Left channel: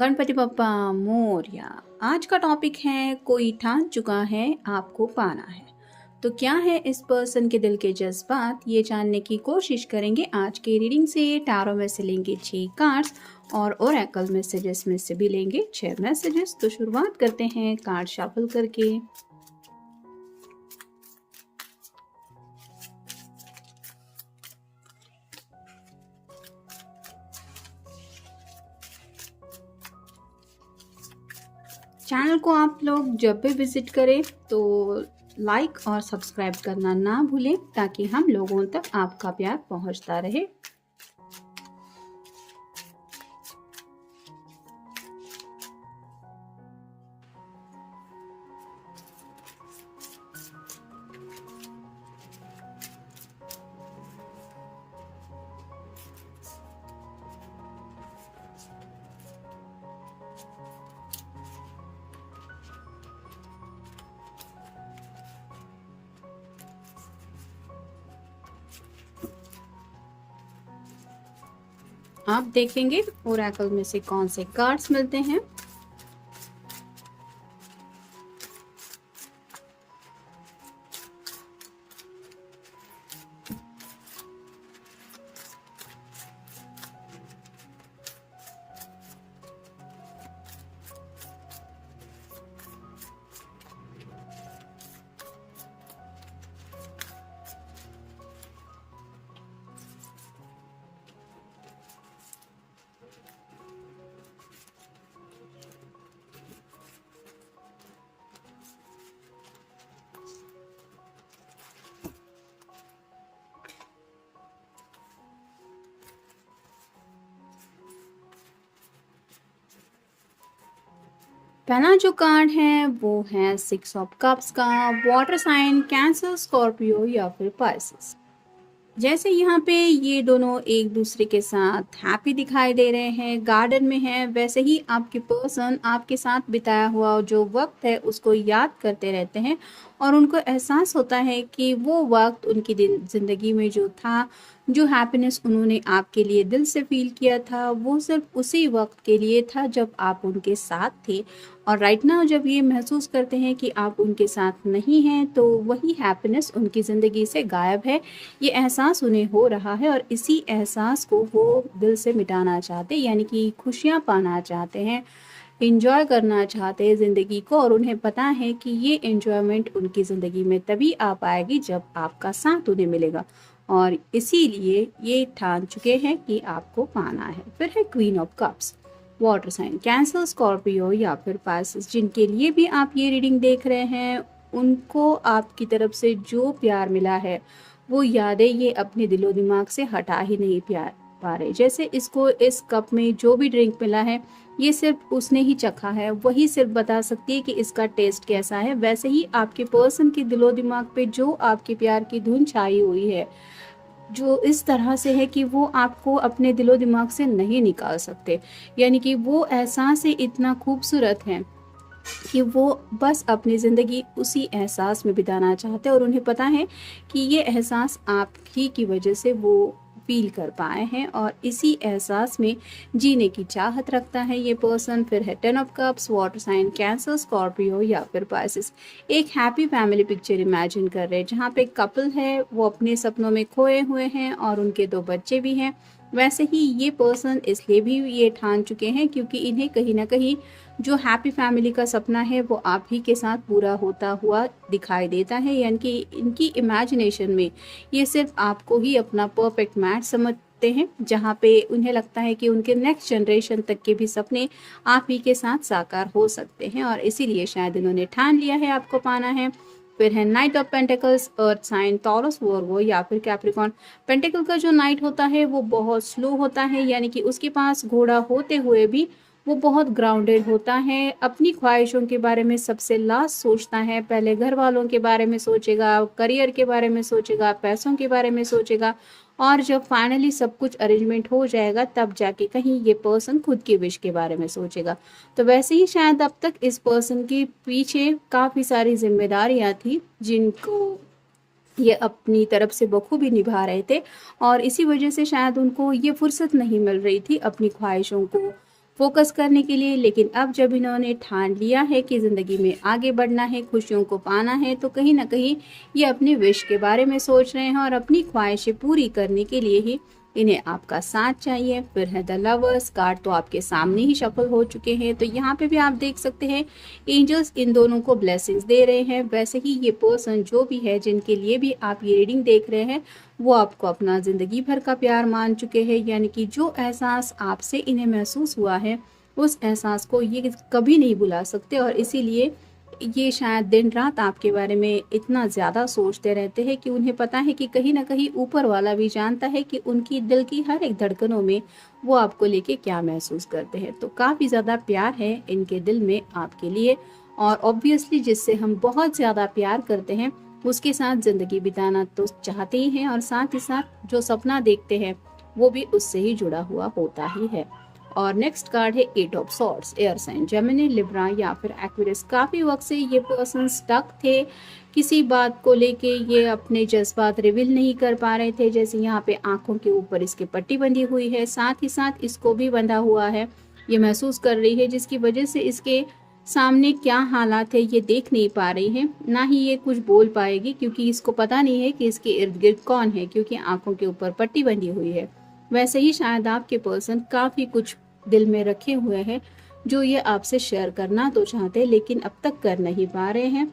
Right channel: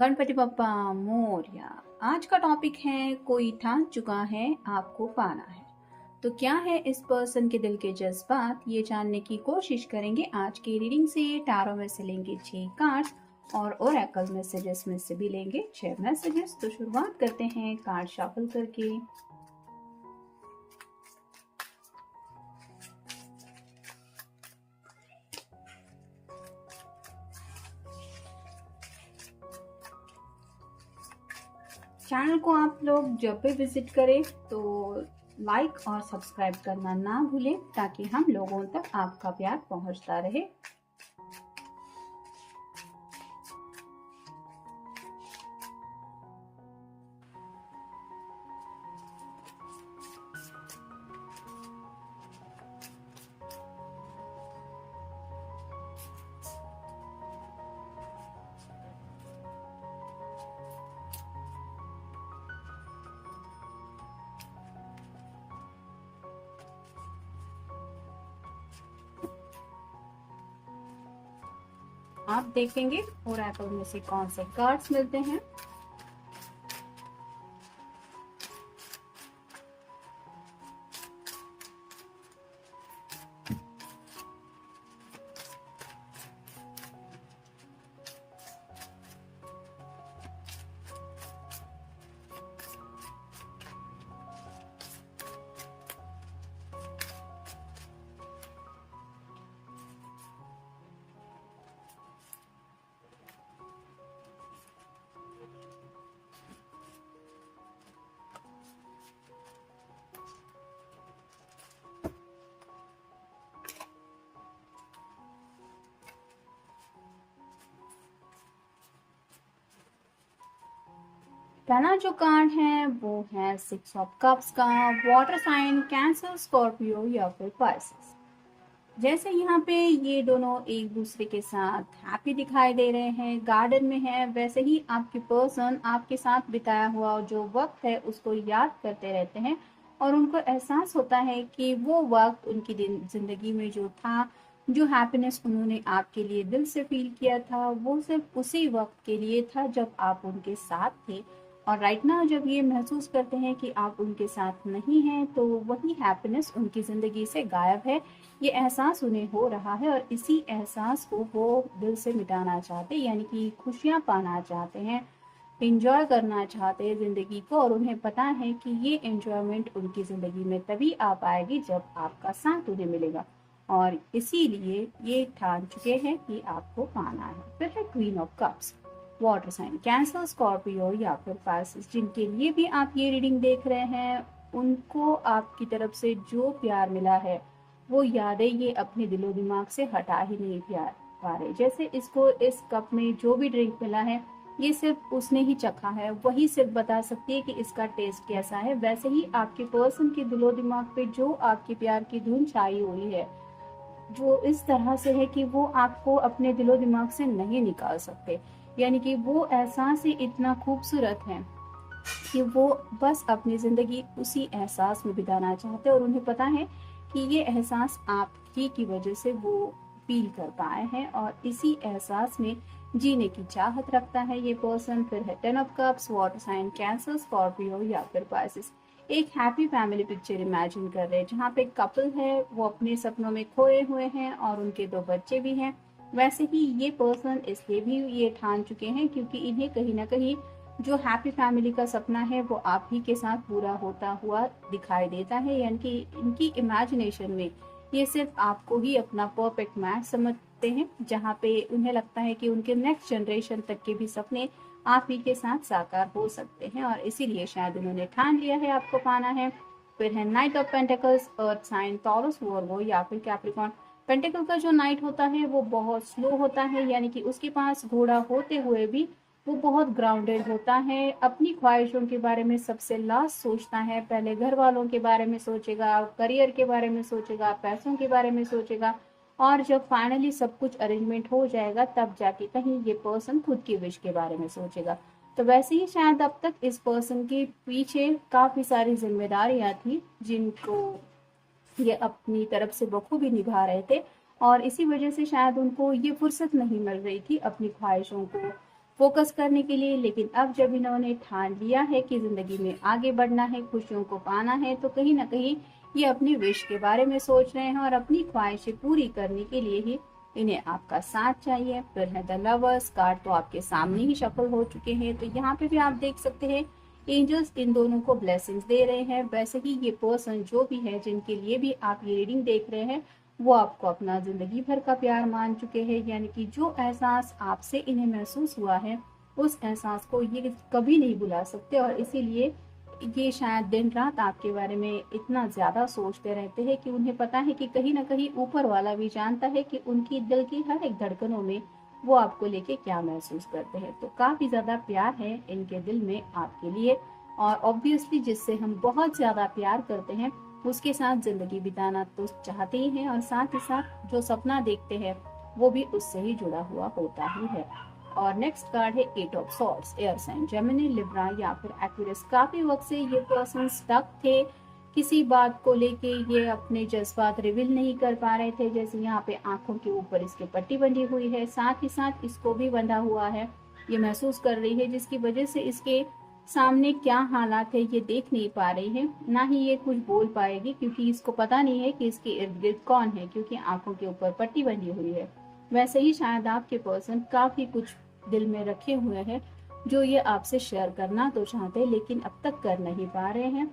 गणपति बप्पा मोरया। आज का टॉपिक है कोई ठान चुका है आपको पाना है। तो क्या है इस पर्सन के दिल के जज्बात, ये जानने की कोशिश करेंगे आज के रीडिंग से। टैरो में से लेंगे 6 कार्ड्स और ओरेकल मैसेजेस में से भी लेंगे 6 मैसेजेस। तो शुरुआत करते हैं कार्ड शफल करके। चैनल को आप लोग जब भी विजिट करें तो लाइक और सब्सक्राइब करना ना भूलें ताकि हम लोगों तक आपका प्यार पहुंचता रहे। आप देखेंगे ओरेकल में से कौन से कार्ड्स मिलते हैं। पहला जो कार्ड है वो है 6 ऑफ कप्स का। वाटर साइन कैंसर, स्कॉर्पियो या फिर पाइसेस। जैसे यहाँ पे ये दोनों एक दूसरे के साथ हैप्पी दिखाई दे रहे हैं, गार्डन में है, वैसे ही आपके पर्सन आपके साथ बिताया हुआ जो वक्त है उसको याद करते रहते हैं और उनको एहसास होता है कि वो वक्त उनकी ज़िंदगी में जो था, जो हैप्पीनेस उन्होंने आपके लिए दिल से फील किया था, वो सिर्फ उसी वक्त के लिए था जब आप उनके साथ थे। और राइट नाउ जब ये महसूस करते हैं कि आप उनके साथ नहीं हैं तो वही हैप्पीनेस उनकी ज़िंदगी से गायब है, ये एहसास उन्हें हो रहा है और इसी एहसास को वो दिल से मिटाना चाहते हैं, यानी कि खुशियाँ पाना चाहते हैं, इंजॉय करना चाहते हैं ज़िंदगी को। और उन्हें पता है कि ये एन्जॉयमेंट उनकी ज़िंदगी में तभी आ पाएगी जब आपका साथ उन्हें मिलेगा और इसीलिए ये ठान चुके हैं कि आपको पाना है। फिर है queen of cups. Water sign Cancer, Scorpio या फिर पाइसेस, जिनके लिए भी आप ये रीडिंग देख रहे हैं, उनको आपकी तरफ से जो प्यार मिला है वो यादें ये अपने दिलो दिमाग से हटा ही नहीं पा रहे। जैसे इसको इस कप में जो भी ड्रिंक मिला है ये सिर्फ उसने ही चखा है, वही सिर्फ बता सकती है कि इसका टेस्ट कैसा है। वैसे ही आपके पर्सन के दिलो दिमाग पे जो आपके प्यार की धुन छाई हुई है, जो इस तरह से है कि वो आपको अपने दिलो दिमाग से नहीं निकाल सकते, यानी कि वो एहसास ही इतना खूबसूरत है कि वो बस अपनी ज़िंदगी उसी एहसास में बिताना चाहते हैं और उन्हें पता है कि ये एहसास आप ही की वजह से वो फील कर पाए हैं और इसी एहसास में जीने की चाहत रखता है ये पर्सन। फिर है 10 of cups. Water sign Cancer, Scorpio या फिर पाइसेस। एक हैप्पी फैमिली पिक्चर इमेजिन कर रहे हैं जहाँ पे कपल है, वो अपने सपनों में खोए हुए हैं और उनके 2 बच्चे भी हैं। वैसे ही ये पर्सन इसलिए भी ये ठान चुके हैं क्योंकि इन्हें कहीं ना कहीं जो हैप्पी फैमिली का सपना है वो आप ही के साथ पूरा होता हुआ दिखाई देता है, यानी कि इनकी इमेजिनेशन में ये सिर्फ आपको ही अपना परफेक्ट मैच समझते हैं, जहाँ पे उन्हें लगता है कि उनके नेक्स्ट जनरेशन तक के भी सपने आप ही के साथ साकार हो सकते हैं और इसीलिए शायद इन्होंने ठान लिया है आपको पाना है। फिर है knight of pentacles. Earth sign Taurus, Virgo या फिर कैप्रिकॉन। पेंटिकल का जो नाइट होता है वो बहुत स्लो होता है, यानी कि उसके पास घोड़ा होते हुए भी वो बहुत ग्राउंडेड होता है, अपनी ख्वाहिशों के बारे में सबसे लास्ट सोचता है, पहले घर वालों के बारे में सोचेगा, करियर के बारे में सोचेगा, पैसों के बारे में सोचेगा और जब फाइनली सब कुछ अरेंजमेंट हो जाएगा तब जाके कहीं ये पर्सन खुद की विश के बारे में सोचेगा। तो वैसे ही शायद अब तक इस पर्सन के पीछे काफ़ी सारी जिम्मेदारियां थी जिनको ये अपनी तरफ से बखूबी निभा रहे थे और इसी वजह से शायद उनको ये फुर्सत नहीं मिल रही थी अपनी ख्वाहिशों को फोकस करने के लिए। लेकिन अब जब इन्होंने ठान लिया है कि ज़िंदगी में आगे बढ़ना है, खुशियों को पाना है, तो कहीं ना कहीं ये अपनी विश के बारे में सोच रहे हैं और अपनी ख्वाहिशें पूरी करने के लिए ही इन्हें आपका साथ चाहिए। फिर है द लवर्स कार्ड, तो आपके सामने ही शफल हो चुके हैं। तो यहाँ पे भी आप देख सकते हैं एंजल्स इन दोनों को ब्लेसिंग्स दे रहे हैं। वैसे ही ये पर्सन जो भी है जिनके लिए भी आप ये रीडिंग देख रहे हैं, वो आपको अपना ज़िंदगी भर का प्यार मान चुके हैं। यानी कि जो एहसास आपसे इन्हें महसूस हुआ है, उस एहसास को ये कभी नहीं भुला सकते। और इसीलिए ये शायद दिन रात आपके बारे में इतना ज़्यादा सोचते रहते हैं कि उन्हें पता है कि कहीं ना कहीं ऊपर वाला भी जानता है कि उनकी दिल की हर एक धड़कनों में वो आपको लेके क्या महसूस करते हैं। तो काफ़ी ज़्यादा प्यार है इनके दिल में आपके लिए। और ऑब्वियसली जिससे हम बहुत ज़्यादा प्यार करते हैं उसके साथ ज़िंदगी बिताना तो चाहते ही हैं, और साथ ही साथ जो सपना देखते हैं वो भी उससे ही जुड़ा हुआ होता ही है। और नेक्स्ट कार्ड है eight of swords, air sign Gemini, Libra या फिर एक्वेरियस। काफ़ी वक्त से ये पर्सन स्टक थे किसी बात को लेके, ये अपने जज्बात रिवील नहीं कर पा रहे थे। जैसे यहाँ पे आंखों के ऊपर इसके पट्टी बंधी हुई है, साथ ही साथ इसको भी बंधा हुआ है। ये महसूस कर रही है जिसकी वजह से इसके सामने क्या हालात है ये देख नहीं पा रही है, ना ही ये कुछ बोल पाएगी क्योंकि इसको पता नहीं है कि इसके इर्द गिर्द कौन है, क्योंकि आंखों के ऊपर पट्टी बंधी हुई है। वैसे ही शायद आपके पर्सन काफ़ी कुछ दिल में रखे हुए हैं जो ये आपसे शेयर करना तो चाहते हैं लेकिन अब तक कर नहीं पा रहे हैं,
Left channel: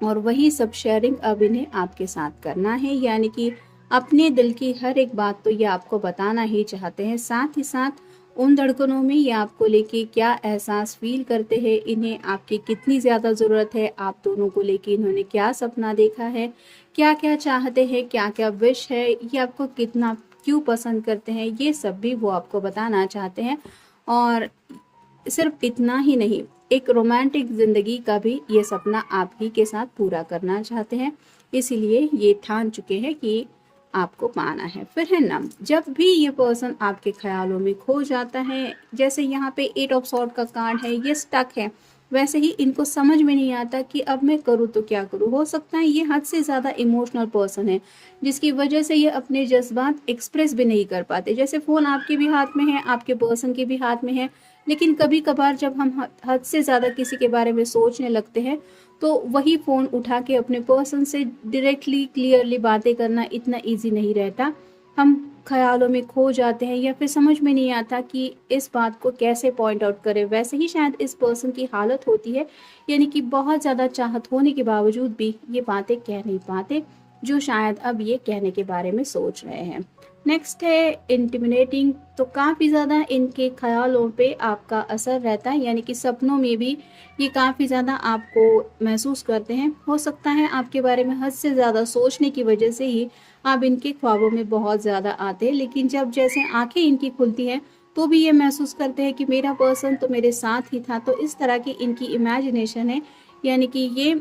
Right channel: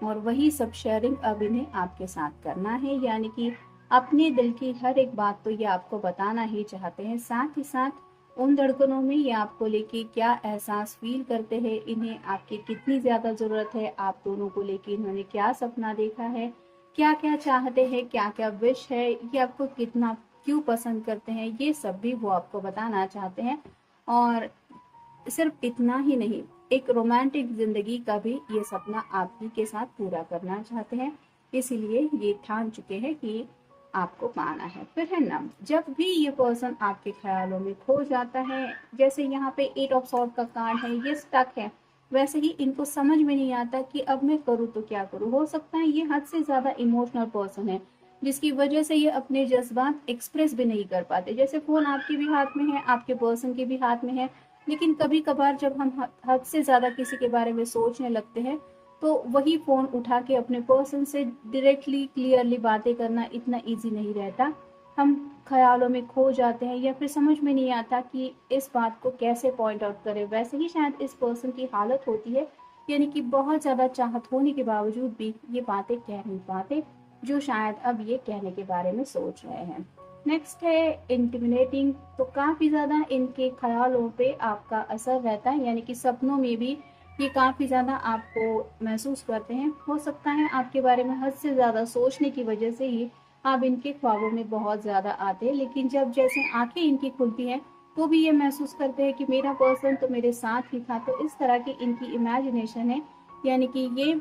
और वही सब शेयरिंग अब इन्हें आपके साथ करना है। यानी कि अपने दिल की हर एक बात तो ये आपको बताना ही चाहते हैं। साथ ही साथ उन धड़कनों में ये आपको लेके क्या एहसास फील करते हैं, इन्हें आपकी कितनी ज़्यादा ज़रूरत है, आप दोनों को लेके इन्होंने क्या सपना देखा है, क्या क्या चाहते हैं, क्या क्या विश है, ये आपको कितना क्यों पसंद करते हैं, ये सब भी वो आपको बताना चाहते हैं। और सिर्फ इतना ही नहीं, एक रोमांटिक ज़िंदगी का भी ये सपना आप ही के साथ पूरा करना चाहते हैं। इसीलिए ये ठान चुके हैं कि आपको पाना है। फिर है ना, जब भी ये पर्सन आपके ख्यालों में खो जाता है, जैसे यहाँ पे एट ऑफ सॉर्ड का कार्ड है, ये स्टक है, वैसे ही इनको समझ में नहीं आता कि अब मैं करूँ तो क्या करूँ। हो सकता है ये हद से ज़्यादा इमोशनल पर्सन है जिसकी वजह से ये अपने जज्बात एक्सप्रेस भी नहीं कर पाते। जैसे फ़ोन आपके भी हाथ में है, आपके पर्सन के भी हाथ में है, लेकिन कभी कभार जब हम हद से ज़्यादा किसी के बारे में सोचने लगते हैं तो वही फ़ोन उठा के अपने पर्सन से डायरेक्टली क्लियरली बातें करना इतना इजी नहीं रहता। हम ख्यालों में खो जाते हैं या फिर समझ में नहीं आता कि इस बात को कैसे पॉइंट आउट करें। वैसे ही शायद इस पर्सन की हालत होती है, यानी कि बहुत ज़्यादा चाहत होने के बावजूद भी ये बातें कह नहीं पाते जो शायद अब ये कहने के बारे में सोच रहे हैं। नेक्स्ट है इंटिमिनेटिंग, तो काफ़ी ज़्यादा इनके ख्यालों पे आपका असर रहता है, यानी कि सपनों में भी ये काफ़ी ज़्यादा आपको महसूस करते हैं। हो सकता है आपके बारे में हद से ज़्यादा सोचने की वजह से ही आप इनके ख्वाबों में बहुत ज़्यादा आते हैं, लेकिन जब जैसे आंखें इनकी खुलती हैं तो भी ये महसूस करते हैं कि मेरा पर्सन तो मेरे साथ ही था। तो इस तरह की इनकी इमेजिनेशन है, यानी कि ये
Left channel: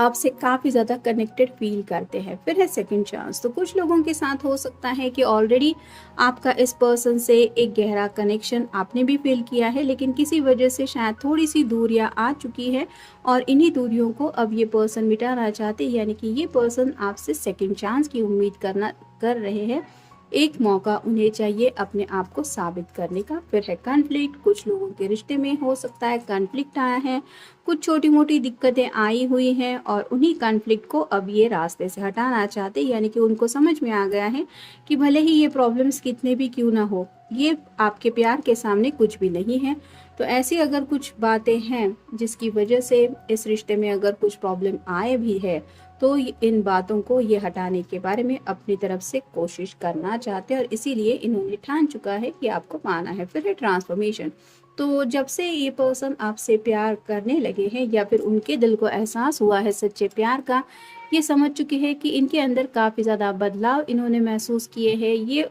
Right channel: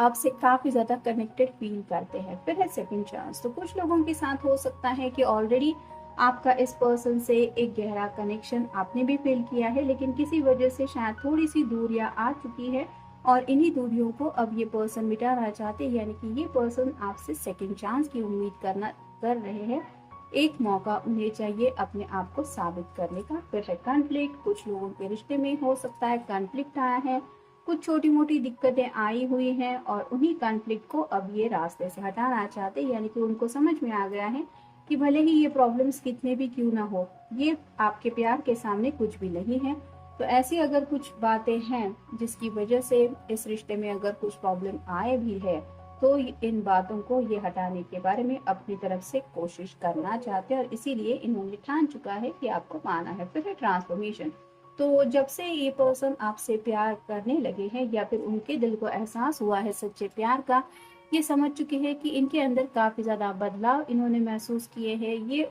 आपसे काफ़ी ज़्यादा कनेक्टेड फील करते हैं। फिर है सेकंड चांस, तो कुछ लोगों के साथ हो सकता है कि ऑलरेडी आपका इस पर्सन से एक गहरा कनेक्शन आपने भी फील किया है, लेकिन किसी वजह से शायद थोड़ी सी दूरियां आ चुकी है और इन्हीं दूरियों को अब ये पर्सन मिटाना चाहते हैं। यानी कि ये पर्सन आपसे सेकंड चांस की उम्मीद कर रहे हैं। एक मौका उन्हें चाहिए अपने आप को साबित करने का। फिर है कॉन्फ्लिक्ट, कुछ लोगों के रिश्ते में हो सकता है कॉन्फ्लिक्ट आया है, कुछ छोटी मोटी दिक्कतें आई हुई हैं और उन्हीं कॉन्फ्लिक्ट को अब ये रास्ते से हटाना चाहते हैं। यानी कि उनको समझ में आ गया है कि भले ही ये प्रॉब्लम्स कितने भी क्यों ना हो, ये आपके प्यार के सामने कुछ भी नहीं है। तो ऐसी अगर कुछ बातें हैं जिसकी वजह से इस रिश्ते में अगर कुछ प्रॉब्लम आए भी है, तो इन बातों को ये हटाने के बारे में अपनी तरफ से कोशिश करना चाहते हैं और इसीलिए इन्होंने ठान चुका है कि आपको पाना है। फिर है ट्रांसफॉर्मेशन, तो जब से ये पर्सन आपसे प्यार करने लगे हैं या फिर उनके दिल को एहसास हुआ है सच्चे प्यार का, ये समझ चुके हैं कि इनके अंदर काफ़ी ज़्यादा बदलाव इन्होंने महसूस किए हैं। ये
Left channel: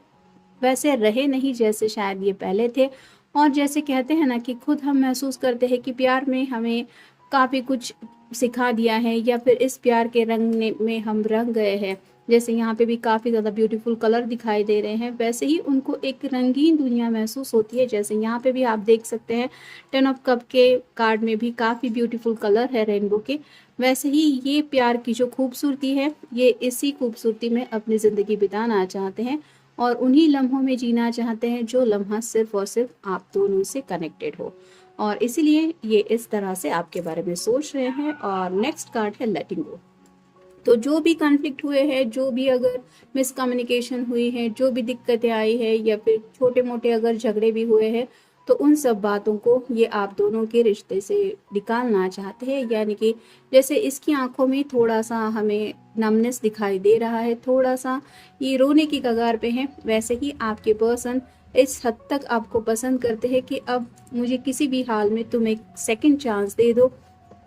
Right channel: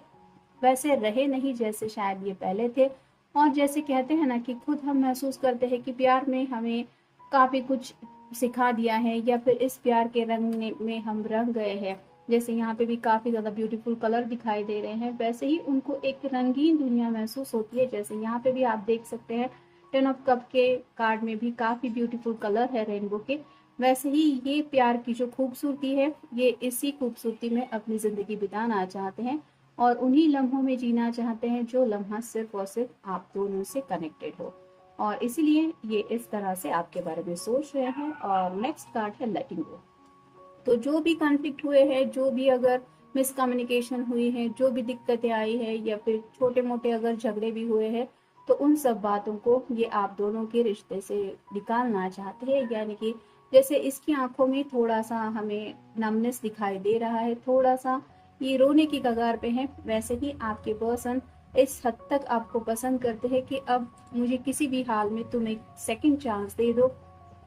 वैसे रहे नहीं जैसे शायद ये पहले थे, और जैसे कहते हैं ना कि खुद हम महसूस करते हैं कि प्यार में हमें काफ़ी कुछ सिखा दिया है या फिर इस प्यार के रंग में हम रंग गए हैं। जैसे यहाँ पे भी काफ़ी ज़्यादा ब्यूटीफुल कलर दिखाई दे रहे हैं, वैसे ही उनको एक रंगीन दुनिया महसूस होती है। जैसे यहाँ पे भी आप देख सकते हैं 10 ऑफ कप के कार्ड में भी काफ़ी ब्यूटीफुल कलर है रेनबो के। वैसे ही ये प्यार की जो खूबसूरती है, ये इसी खूबसूरती में अपनी ज़िंदगी बिताना चाहते हैं और उन्हीं लम्हों में जीना चाहते हैं जो लम्हा सिर्फ और सिर्फ आप दोनों से कनेक्टेड हो, और इसीलिए ये इस तरह से आपके बारे में सोच रहे हैं। और नेक्स्ट कार्ड है लेटिंग गो। तो जो भी कॉन्फ्लिक्ट हुए हैं, जो भी अगर मिसकम्युनिकेशन हुई है, जो भी दिक्कतें आई है, या फिर छोटे मोटे अगर झगड़े भी हुए हैं, तो उन सब बातों को ये आप दोनों के रिश्ते से निकालना चाहते हैं। यानी कि जैसे इसकी आंखों में थोड़ा सा हमें नमनेस दिखाई दे रहा है, थोड़ा सा ये रोने की कगार पे है, वैसे ही आपके पर्सन इस हद तक आपको पसंद करते हैं कि अब मुझे किसी भी हाल में तुम एक सेकंड चांस दे दो,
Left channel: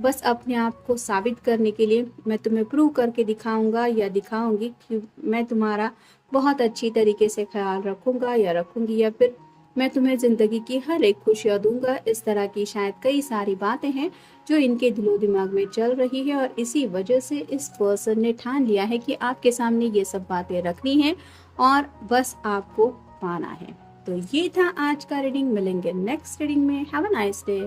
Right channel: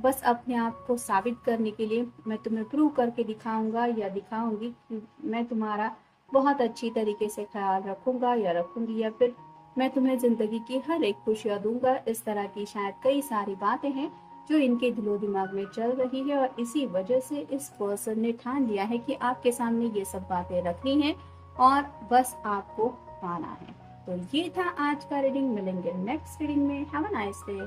बस अपने आप को साबित करने के लिए मैं तुम्हें प्रूव करके दिखाऊंगा या दिखाऊंगी कि मैं तुम्हारा बहुत अच्छी तरीके से ख्याल रखूंगा या रखूंगी, या फिर मैं तुम्हें ज़िंदगी की हर एक खुशियाँ दूंगा। इस तरह की शायद कई सारी बातें हैं जो इनके दिलो दिमाग में चल रही है, और इसी वजह से इस पर्सन ने ठान लिया है कि आपके सामने ये सब बातें रखनी है और बस आपको पाना है। तो ये था आज का रीडिंग। मिलेंगे नेक्स्ट रीडिंग में। Have a nice day.